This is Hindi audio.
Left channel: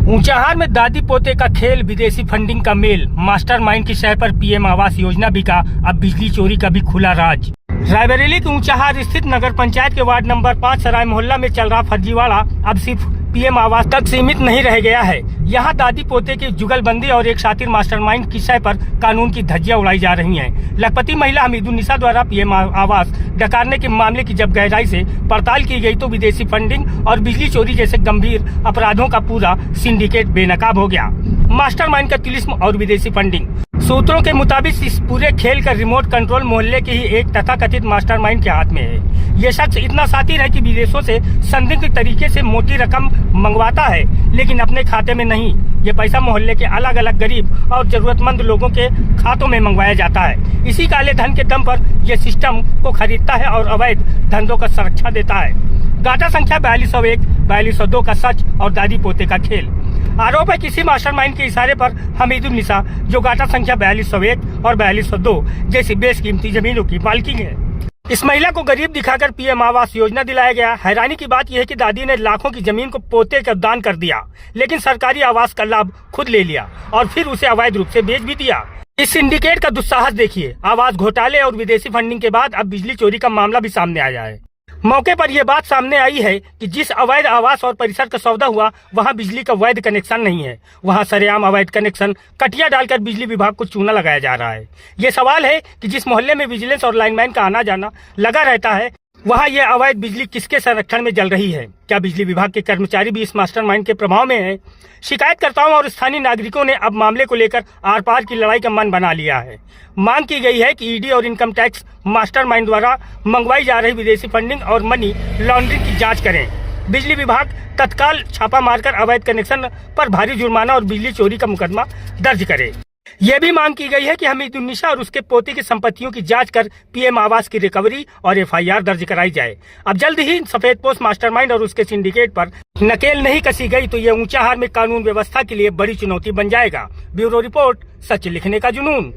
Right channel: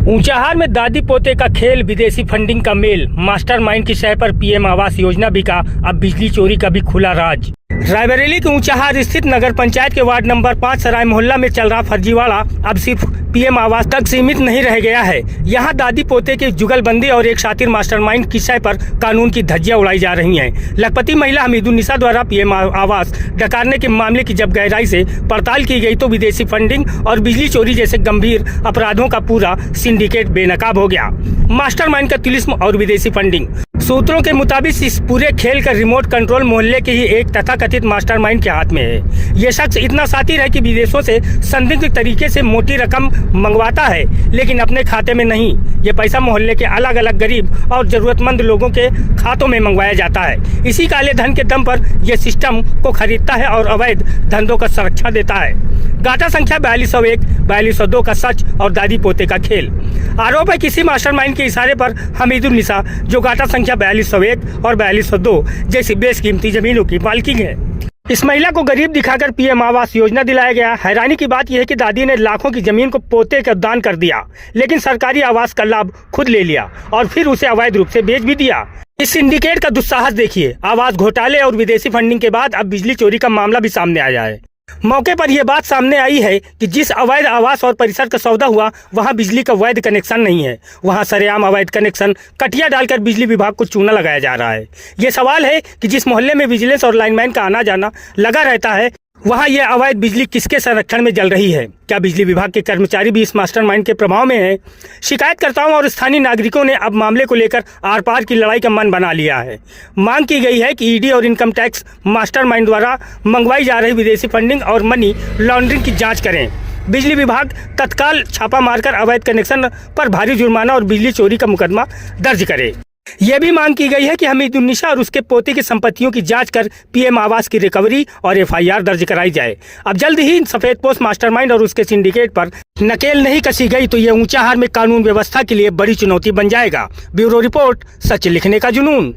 ऊंचाहार में दादी पोते का खेल, विदेशी फंडिंग का मेल, मास्टरमाइंड की शय पर पीएम आवास योजना बिका, अब बिजली चोरी का भी खुला राज। रायबरेली के ऊंचाहार स्थित नगर पंचायत के वार्ड नंबर 5 सराय मोहल्ला में चल रहा फर्जीवाड़ा अब सिर्फ पीएम आवास तक सीमित नहीं रह गया है। यहाँ दादी पोते की जुगलबंदी और एक शातिर मास्टरमाइंड की शय पर कानून की धज्जियां उड़ाई जा रही हैं। लखपति महिला हमीदुन्निसा द्वारा पीएम आवास डकारने के मामले की जब गहराई से पड़ताल की गई तो विदेशी फंडिंग और बिजली चोरी जैसे गंभीर अपराधों का पूरा सिंडिकेट बेनकाब हो गया। मास्टरमाइंड का तिलिस्म और विदेशी फंडिंग। सूत्रों के मुताबिक इस पूरे खेल का रिमोट कंट्रोल मोहल्ले के ही एक तथाकथित मास्टरमाइंड के हाथ में है। ये शख्स इतना शातिर है कि विदेशों से संदिग्ध तरीके से मोटी रकम मंगवाता है, लेकिन अपने खाते में नहीं। ये पैसा मोहल्ले के अलग अलग गरीब और जरूरतमंद लोगों के खातों में मंगवाया जाता है। इसी काले धन के दम पर यह सिस्टम को खरीदता है और अवैध धंधों का संरक्षण देता है। गाटा संख्या 4201, 4202 का सच और दादी पोते का खेल। आरोप है किसी मास्टरमाइंड के इशारे पर हमीदुन्निसा, जो गाटा संख्या 4201 और 4202 जैसी बेशकीमती जमीनों की मालकिन है, इस महिला को गरीब दिखाकर पीएम आवास योजना दिलाया गया। हैरानी की बात यह है कि दादी ने लाखों की जमीन को पोते का दान कर दिया, लेकिन सरकारी आवास का लाभ खुद ले लिया और फिर उसे अवैध रूप से बेच भी दिया। इस सिंडिकेट का दुस्साहस देखिए। आवास घोटाले और विदेशी फंडिंग के बाद अब बिजली चोरी का मामला भी सामने आया है। मौके पर यह बात सामने आई है कि जिस अवैध आवास और परिसर का सौदा हुआ, वहां बिजली का वैध कनेक्शन नहीं है। वहां सरेआम अवैध कनेक्शन कटिया डालकर बिजली विभाग को चूना लगाया जा रहा है। ये सवाल है कि जिस मोहल्ले में विजिलेंस और लाइनमैन का आना जाना लगा रहता है, वहां यह अवैध बिजली किसके संरक्षण में जल रही है? क्या बिजली विभाग के कर्मचारी भी इस मास्टरमाइंड के प्रभाव में हैं? शिकायतकर्ताओं और स्थानीय नागरिकों ने अब मामले को लेकर आर पार की लड़ाई का मन बना लिया है। मांग की गई है कि ईडी और इनकम टैक्स मास्टरमाइंड द्वारा मंगवाई जा रही विदेशी फंडिंग और मनी लॉन्ड्रिंग की जाँच करें। बिजली विभाग तत्काल छापा मारकर अवैध कनेक्शन पर भारी जुर्माना और बिजली चोरी का मुकदमा दर्ज करे। यह भी मांग की गई है कि हमीदुन्निसा और उसके पोते की संपत्तियों की जांच कर पीएम आवास की रिकवरी और एफआईआर दर्ज कराई जाए। अब जल्द ही सफेद पोस्ट मास्टरमाइंड और उसके सिंडिकेट पर नकेल नहीं कसी गई तो यह ऊंचाहार में कानून व्यवस्था के लिए बड़ी चुनौती बन जाएगा। ब्यूरो रिपोर्ट, सच लिखने का जुनून।